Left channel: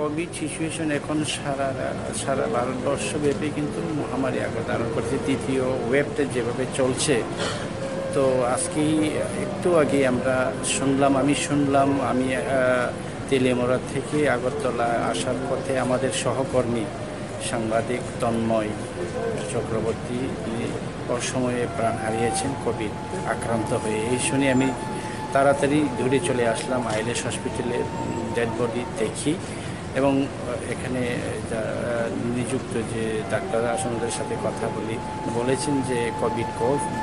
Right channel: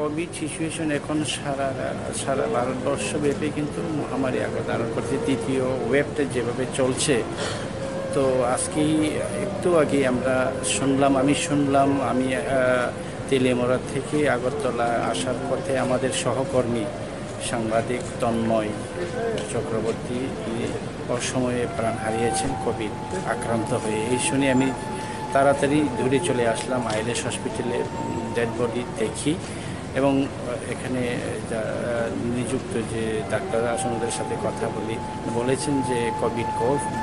Covid situation এখন সারা ভারতবর্ষব্যাপী কিন্তু মহামারী আকার ধারণ করছে। দ্বিতীয় ওয়েবটা যেভাবে চলছে, তো আজকেই একটু আগে আমি শুনলাম তেলিয়ামুড়া থেকে আগরতলা আসার পথে আমাদের সহকর্মী সাংবাদিক তন্ময় চক্রবর্তী তিনি অসময়ে প্রাণ হারিয়েছেন কোভিড আক্রান্ত হয়ে। এই শুনে আমি তাড়াতাড়ি দূরে চলে আসলাম, আইএলএস হসপিটালে ডেড বডি দেখি এবং এখানে নিযুক্ত যে ডাক্তাররা আসেন ওদের সাথে কথা বলেছেন যে কোভিড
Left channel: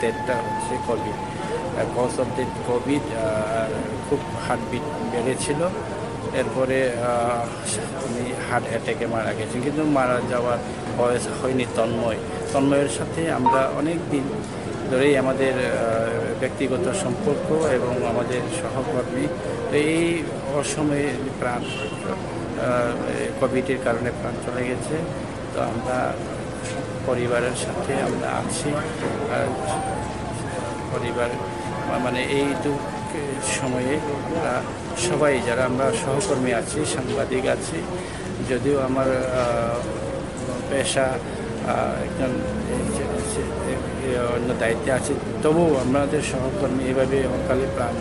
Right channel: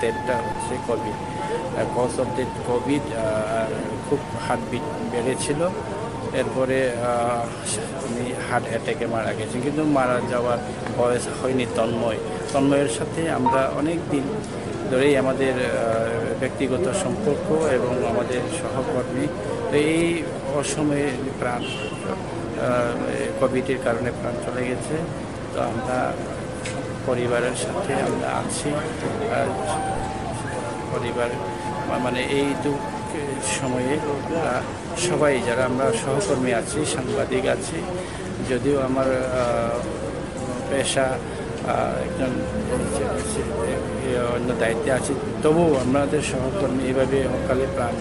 ডেথটা হচ্ছে covid cause of death covid. খুব হার্টবিট বেড়েছিল, এরপরে উনি হার্ট অ্যাটাকে মারা গেছেন, কিন্তু মারা যাওয়ার বয়স হয়নি। তন্ময়ের সাথে আমরা অনেক দিন ধরেই আমাদের ব্যক্তিগত সম্পর্ক এবং আমাদের সহকর্মী। এই অসময়ে প্রাণ কোভিডের কারণে প্রাণ চলে গেছে। তো আমরা পরিবারের সাথে আমরা আছি, পরিবার মানে এই দুঃখের সময়ে আমরা সবাই যারা আমরা সহকর্মী আছি, সাংবাদিক আছি, যদিও আমার পেশা একজন অন্য দায়িত্বে আছি, তবুও আমাদের সহকর্মী এভাবে অকালে প্রাণ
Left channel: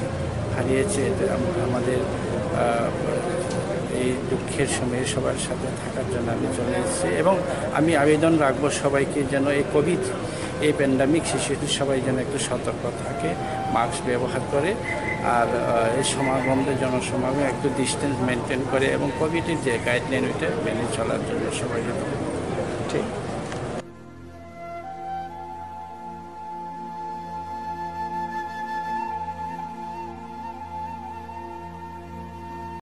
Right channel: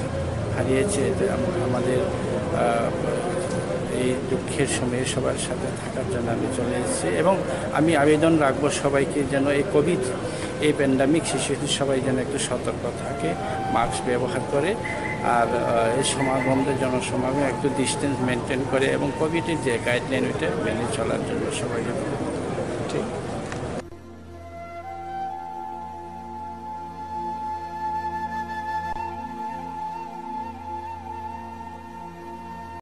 হারিয়েছে। আমাদের এই দুঃখের সময়ে সবার সাথে থাকার জন্য আমি চলে এসেছি এবং আমি আবেদন রাখবো সবাইকে যেন এই প্যান্ডামিক সিচুয়েশনে সবাই যেন একটু সতর্ক থাকে, মাস্ক ব্যবহার করে, আর এই জনসমাগম একটু ডিস্টেন্স মেনটেন করে এবং কোভিডের যে গাইডলাইন ওইটা মেনে চলার জন্য সবাই